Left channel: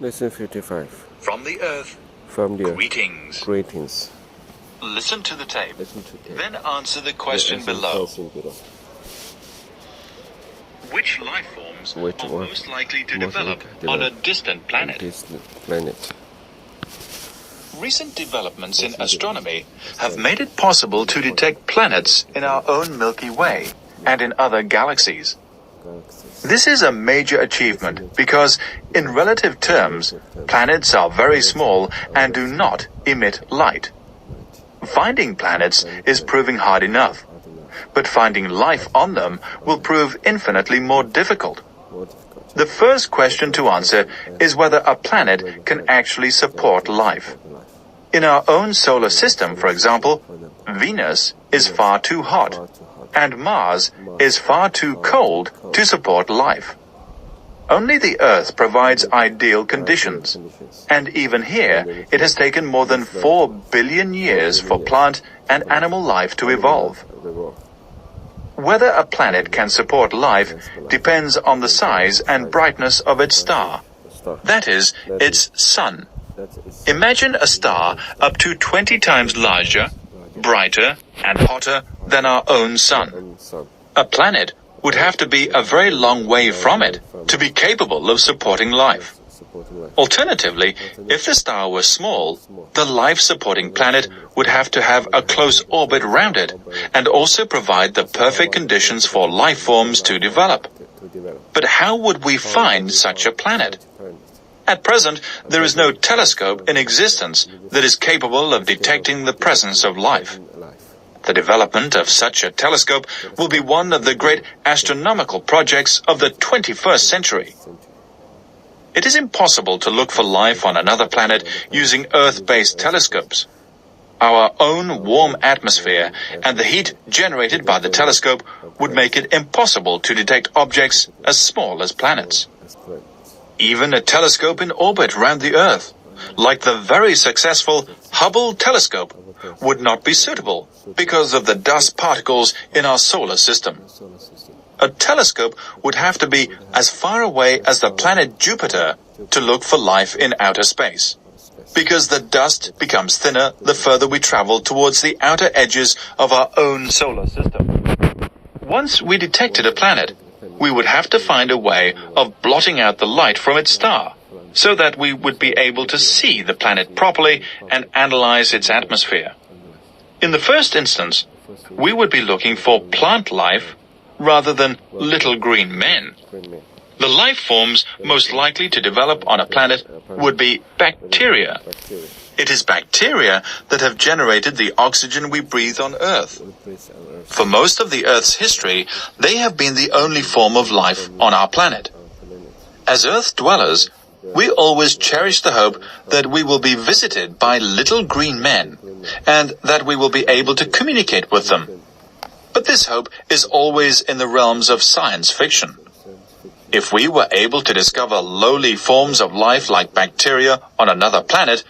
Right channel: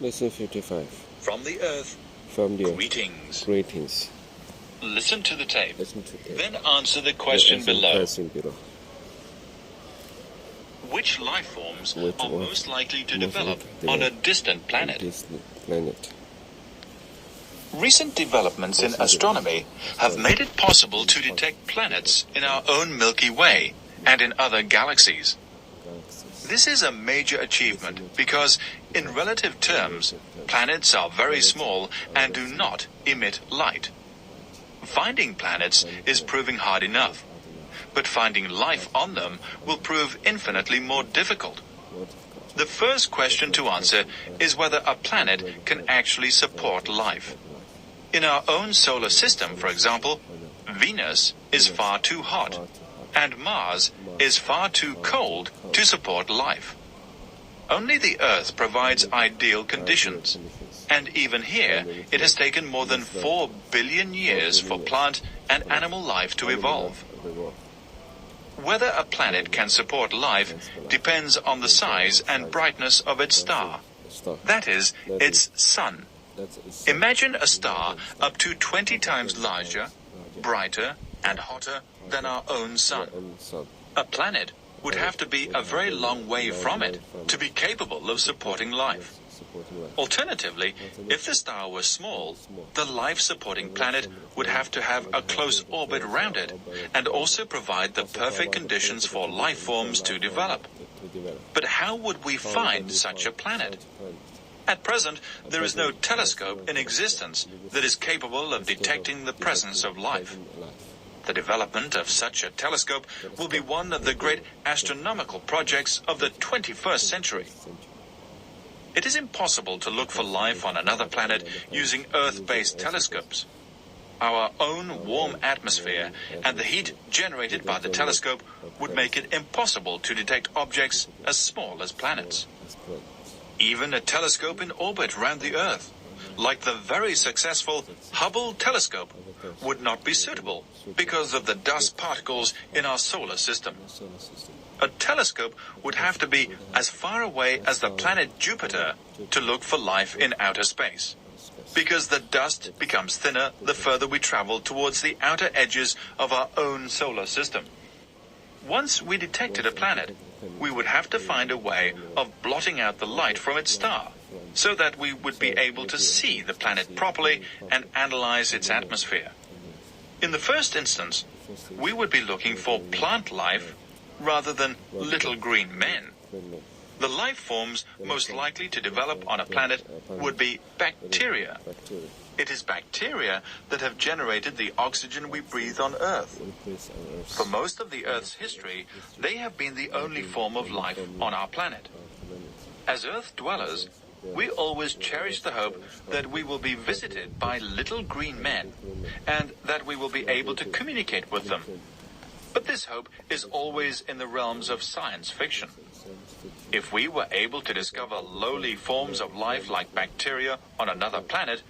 Lesson 55. From the Earth, From the greetings. Greetings. Listen to the tape. Listen to that. Then answer the question below. Which life forms are most likely to develop on a distant planet? Recent developments in astronomy have made it possible to detect planets in our own Milky Way and in other galaxies. This is a major achievement because, in relative terms, planets are very small and do not emit light. Finding planets is proving hard enough, but finding life on them will prove infinitely more difficult. The first question to answer is whether a planet can actually support life. In our own solar system, for example, Venus is far too hot, and Mars is far too cold to support life. Only the Earth provides ideal conditions, and even here it has taken more than 4 billion years for plant and animal life to evolve. Whether a planet can support life depends on the size and brightness of its star, that is, its sun. Imagine a star up to 20 times larger, brighter, and hotter than our own sun. A planet would have to be a very long way from it to be capable of supporting life. Alternatively, if the star were small, the life-supporting planet would have to have a close orbit round it and also provide the perfect conditions for life forms to develop. But how would we find such a planet? At present, there is no telescope in existence that is capable of detecting the presence of life. The development of such a telescope will be one of the great astronomical projects of the 21st century. It is impossible to look for life on another planet using Earth-based telescopes. Our own warm atmosphere and the heat generated by the telescope would make it impossible to detect objects as small as planets. Even a telescope in orbit around the Earth, like the very successful Hubble telescope, would not be suitable because of the dust particles in our solar system. A telescope would have to be as far away as the planet Jupiter to look for life in outer space, because the dust becomes thinner the further we travel towards the outer edges of our own solar system. Once we detected a planet, we would have to find a way of blotting out the light from its star, so that we would be able to see the planet properly and analyze its atmosphere. In the first instance, we would be looking for plant life rather than little green men. The life forms most likely to develop on a planet would be bacteria. It is bacteria that have generated the oxygen we breathe on Earth. For most of the Earth's history, they have been the only form of life on our planet. As Earth dwellers, we always cherish the hope that we will be visited by little green men and that we will be able to communicate with them. But this hope is always in the realms of science fiction. If we were able to discover lowly forms of life like bacteria on another planet,